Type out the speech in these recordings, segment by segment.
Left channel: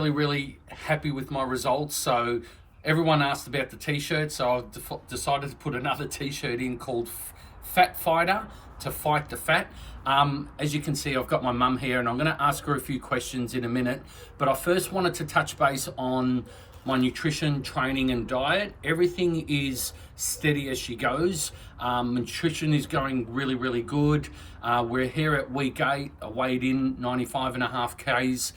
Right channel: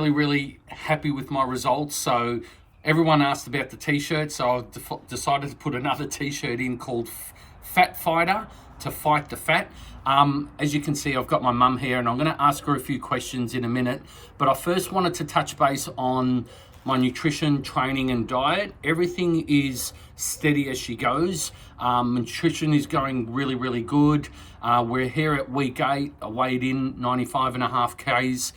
Really happy with my results. So everyone asked about the t-shirt, so I've decided to put another t-shirt in called Fat Fighter, to fight the fat. As you can see, I've got my mum here and I'm going to ask her a few questions in a minute, but I first wanted to touch base on my nutrition, training and diet. Everything is steady as she goes. Nutrition is going really good. We're here at week 8. I weighed in 95.5 kgs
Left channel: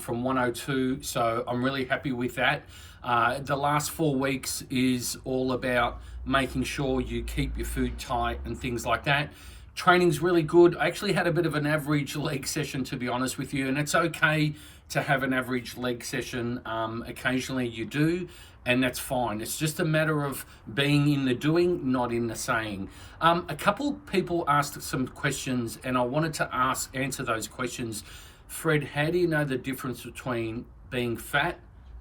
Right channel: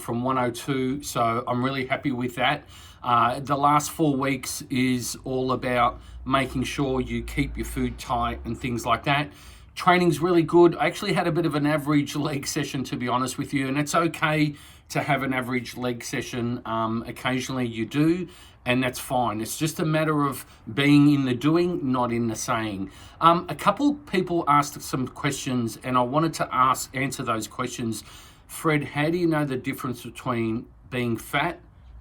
from 102, so I'm really happy with that. The last 4 weeks is all about making sure you keep your food tight and things like that. Training's really good. I actually had a bit of an average leg session, to be honest with you, and it's okay to have an average leg session. Occasionally you do, and that's fine. It's just a matter of being in the doing, not in the saying. A couple people asked some questions, and I wanted to answer those questions. Fred, how do you know the difference between being fat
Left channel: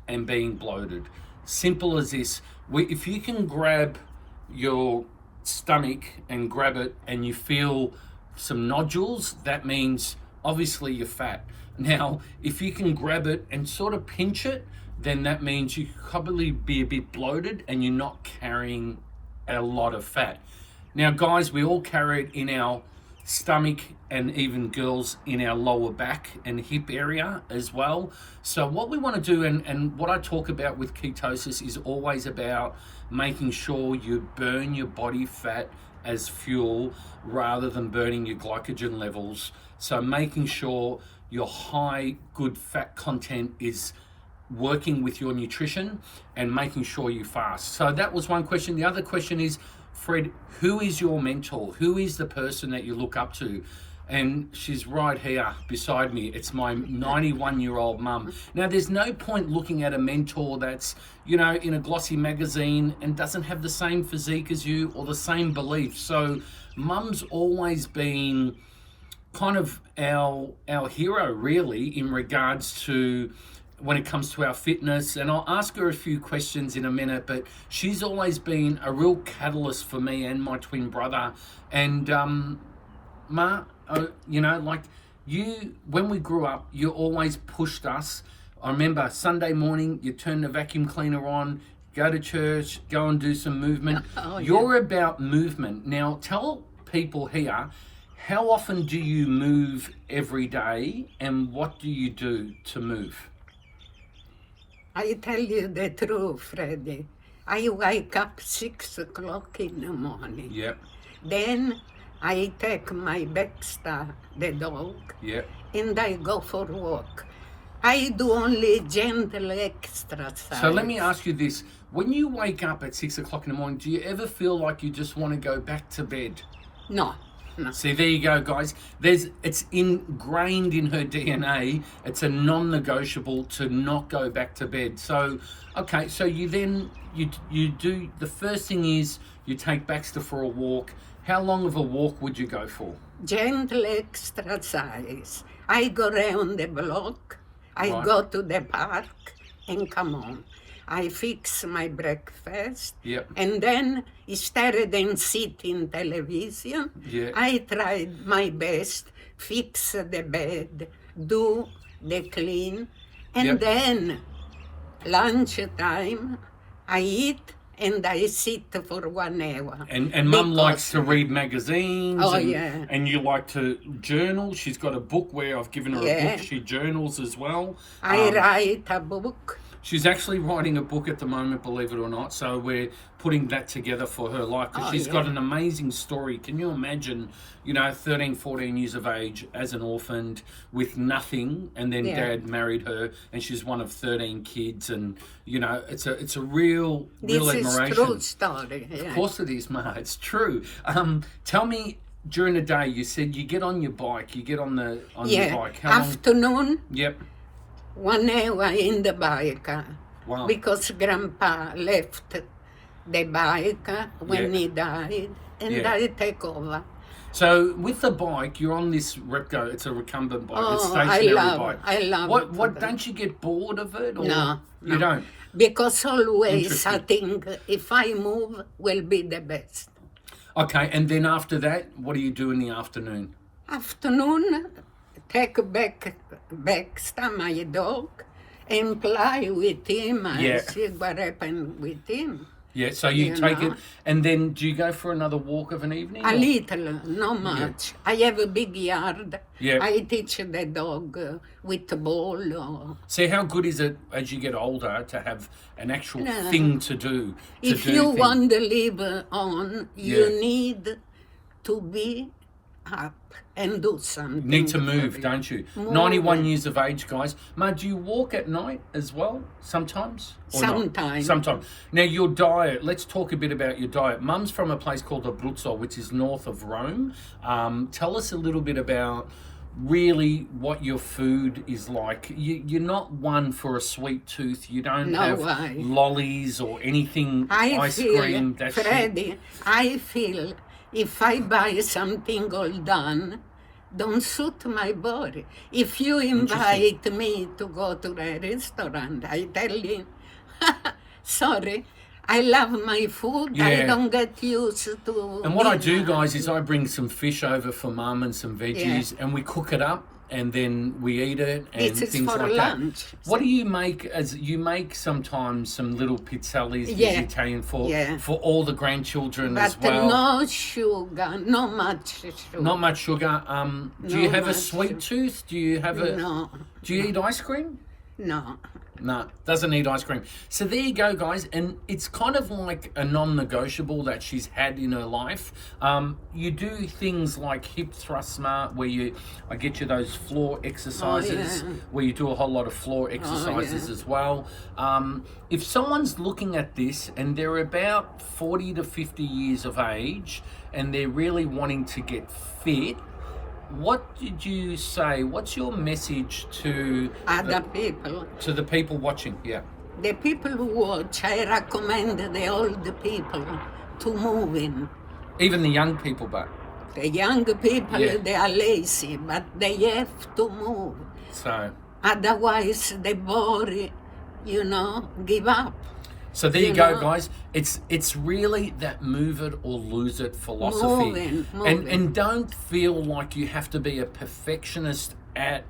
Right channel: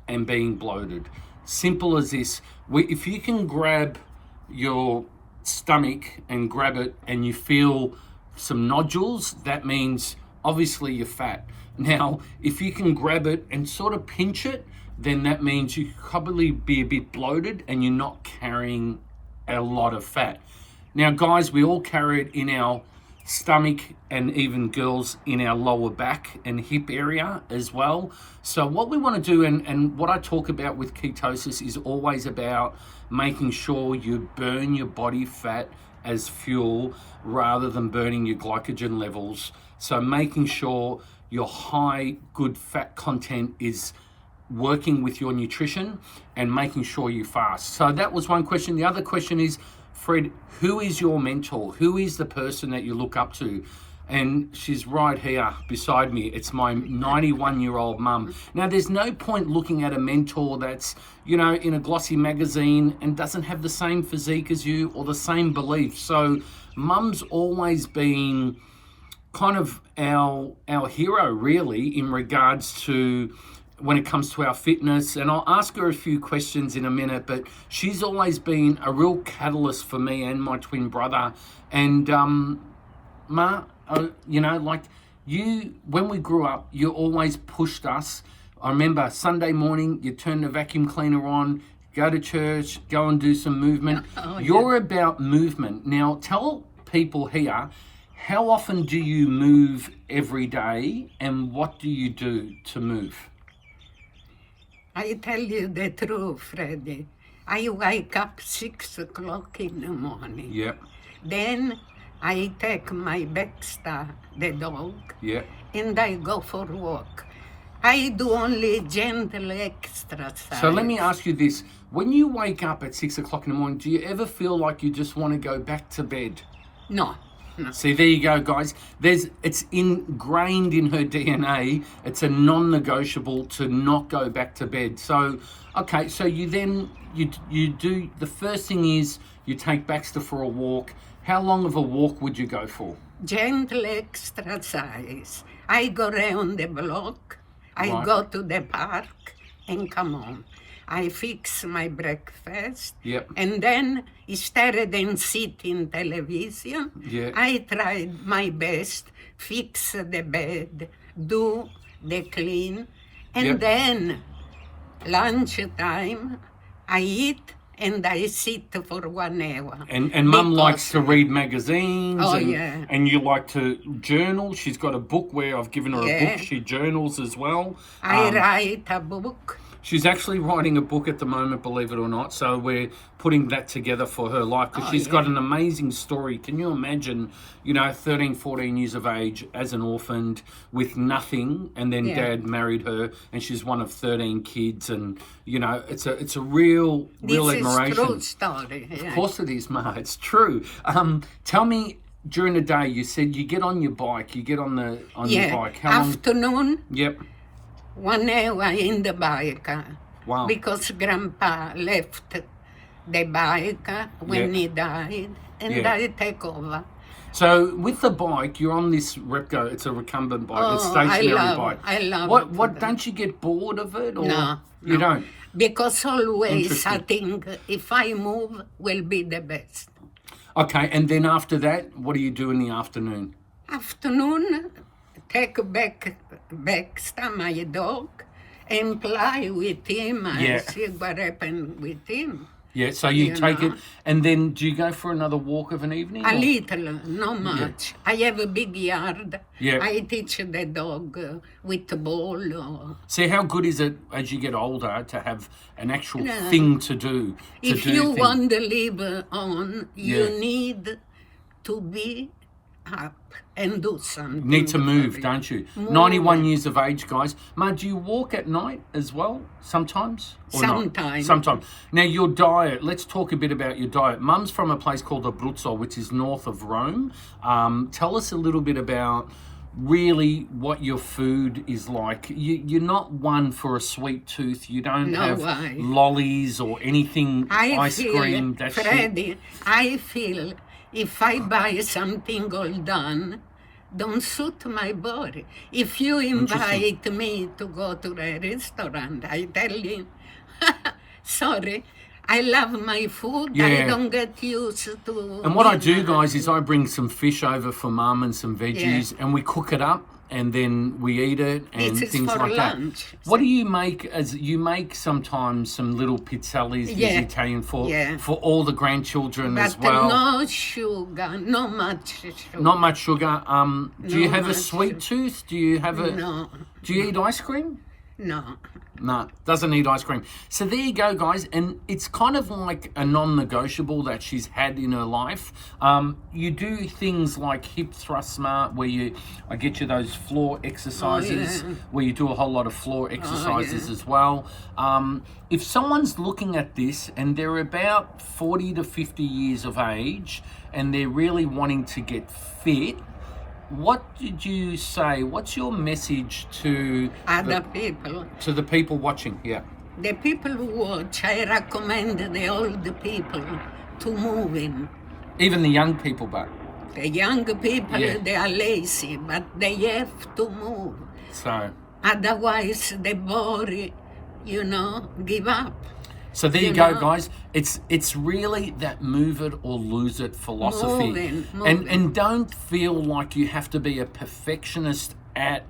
and being bloated? Simple as this. If you can grab your stomach and grab it and you feel some nodules, that means obviously you're fat. Now, if you can grab it and sort of pinch it, then that means you could probably be a bit bloated and you're not carrying a lot of fat. Now, guys, we all carry it in our stomach, and even girls in our lower back and hip area as well. So what we want to do, and what I talk about with ketosis, is always about making sure you burn your body fat as fuel rather than burning your glycogen levels. So making sure your high good fat content is working with your nutrition and making sure you fast. So that was one question. The other question is, Fred, who is your mentor? Who is the person that you look up to? And she's right here beside me. It's my 91-year-old mum. Now, there's no point looking at a mentor that's, you know, in a glossy magazine and doesn't have the same physique as you or the same beliefs. So mum's always been kind of our hero, really, in regards to when it comes to our fitness. And I'll ask her a few questions in a minute, but she's always been a real catalyst for me and my twin brother. And Ma, you know, like you, when we grew up, you always pushed us. I remember Sunday morning, you turn the vacuum cleaner on, go to church, go and do some movement. You're about movement. Now, tell people here, how often do you move every day and what do you do to move? I tell you the truth, Freddie. I wake up 6 o'clock in the morning. Yep. Then I take my Baxter, the dog, Yep. and I go for a walk. I do only gentle exercise. So let me ask you this. When you wake up at 6 o'clock in the morning, do you ever feel like you just want to go back to bed? No. See, there you go, guys. It's ingrained in her DNA. It's a non-negotiable to not go back to bed. So, okay, so you do, the first thing is you take Baxter for a walk. How long of a walk would you go for? Gentle exercise. I go around the block. I go to the park and come home. I fix my breakfast, and then instead than sitting television, I tried my best, fix the bed, do the clean, and then lunchtime, I eat and I sit for 1 hour. And Mum likes to read magazines. Oh, and you like to journal. She's got a book where I've given her a book. She journals as well. I write a book. She's actually writing a book at the moment, believe it or not. So we're putting that together for her life because she's got an amazing story. Can you imagine, you know, 13, 14 years of age as an orphan with nothing, and then Dad married her, and she's one of 13 kids, and you know, it's a real admiration. This is true story. Of course it is, Ma. It's true. Tell me, during the day, you said you get on your bike. You get on your bike. How long? Afternoon. Yep. 1 hour in the bike. Wow. Because Grandpa left the bike when he died, and I take over. So with the bike, you're on this Repco. It's a recumbent bike. It's a stationary bike. I love it. What don't you get bored of it? Or No. You don't? Because always I think if I move, will be the best. Okay, and then after that, what do you do in the afternoon? Afternoon, take back my dog, and play with him and see what happened with him. Yeah, so you take it, and then do you go for another walk of an evening? A little, not much. Yeah. I have a big yard. Yeah. I teach the dog with the ball. See, how good is it as you get older to have an actual thing to do? If you want to live on, you need to be up and do something. Need to move, don't you? 91 years of age, guys. Ma, do you walk at night as well sometimes? Sometimes. Sometimes. Now, your diet, let's talk a bit about your diet. Mum's from a place called Abruzzo, which is north of Rome. Tell us a little bit about really what your food is like. You're not one for a sweet tooth. You don't have lollies or anything, ice cream. Freddie, I feel if I buy something all done, don't suit my body. If you invite me to go to a restaurant, I tell you, sorry, I love my food. I don't get used to. And what I do, guys, is I bring some fish over for Mum and some veggies, and we cook it up, and then we eat it, and this things is for like lunch. That. What do you make? As you make sometimes some little pizzellis, Italian for all the grandchildren as well. But no sugar, not much sugar. Not much sugar. Do you have a sweet tooth? Do you have a? No. Do you eat ice cream? No. No, doesn't eat ice cream. So there you go, guys. And it's kind of like a non-negotiable that she's had in her life. You do things like hip thrust smart, where I get you those floor exercises, where you do a whole lot of floor exercises as well. If someone's looking at this and they're about 40 to 50 years of age and they're really wanting to get fit, what did you say? What's your message to other people? To the people watching, The people who watch, I recommend the old people to move in. Even the young people, but? The young people, they are lazy, but they have to move. So? Otherwise, the body, give up. So there you go, guys. It's really that move it or lose it philosophy. Moving. And don't feel like you have to be a perfectionist at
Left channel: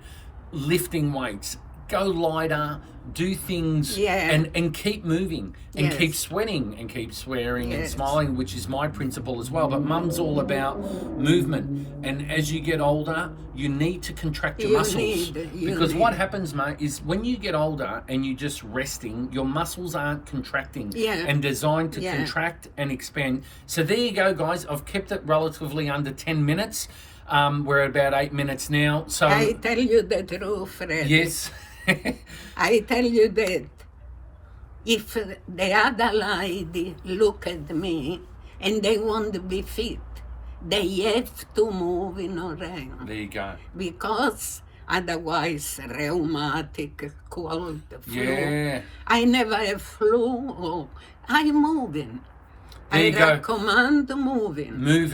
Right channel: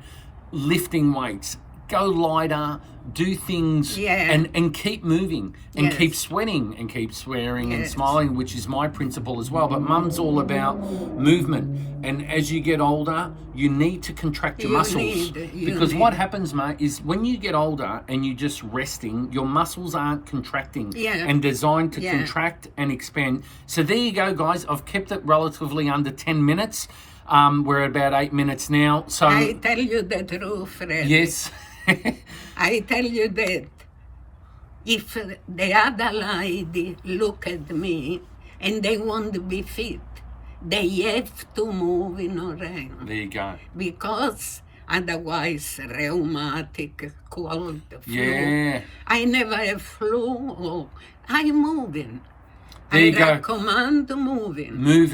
lifting weights. Go lighter, do things, and keep moving, and keep sweating, and keep swearing, and smiling, which is my principle as well. But Mum's all about movement, and as you get older, you need to contract your muscles. Because what happens, mate, is when you get older and you're just resting, your muscles aren't contracting and designed to contract and expand. So there you go, guys. I've kept it relatively under 10 minutes. We're at about 8 minutes now. So I tell you the truth, Fred. Yes. I tell you that if the other lady look at me and they want to be fit, they have to move in around. There you go. Because otherwise, rheumatic, cold, flu. Yeah. I never have flu. I'm moving. There you go. Recommend moving. Move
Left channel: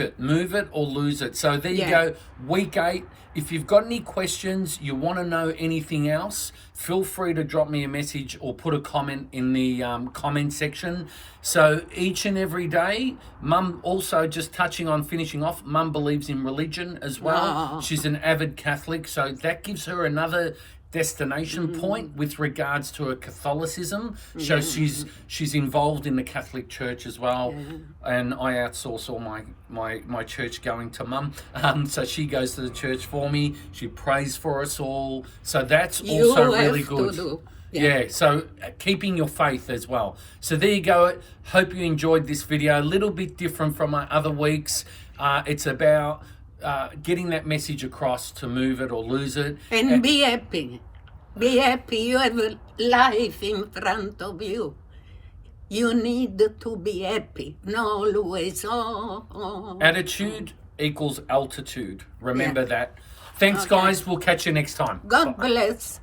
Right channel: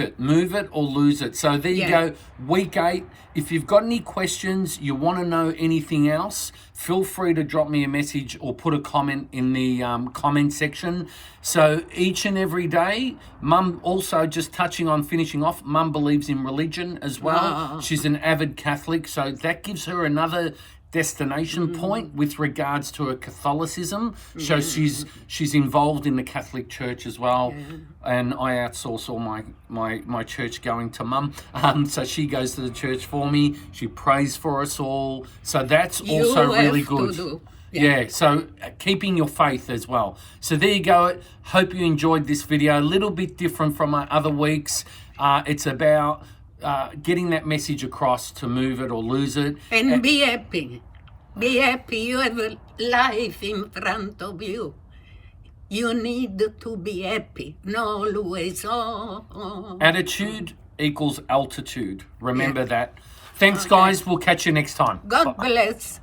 it or lose it. So there you go. Week 8. If you've got any questions, you want to know anything else, feel free to drop me a message or put a comment in the comment section. So each and every day, Mum, also just touching on finishing off, Mum believes in religion as well. She's an avid Catholic, so that gives her another destination point with regards to her Catholicism. So she's involved in the Catholic Church as well, and I outsource all my church going to Mum. So she goes to the church for me. She prays for us all. So that's also really good. Yeah, so keeping your faith as well. So there you go. Hope you enjoyed this video. A little bit different from my other weeks. It's about getting that message across to move it or lose it. And be happy. Be happy. You have a life in front of you. You need to be happy. Not always, Attitude equals altitude. Remember that. Thanks, guys. We'll catch you next time. God bless.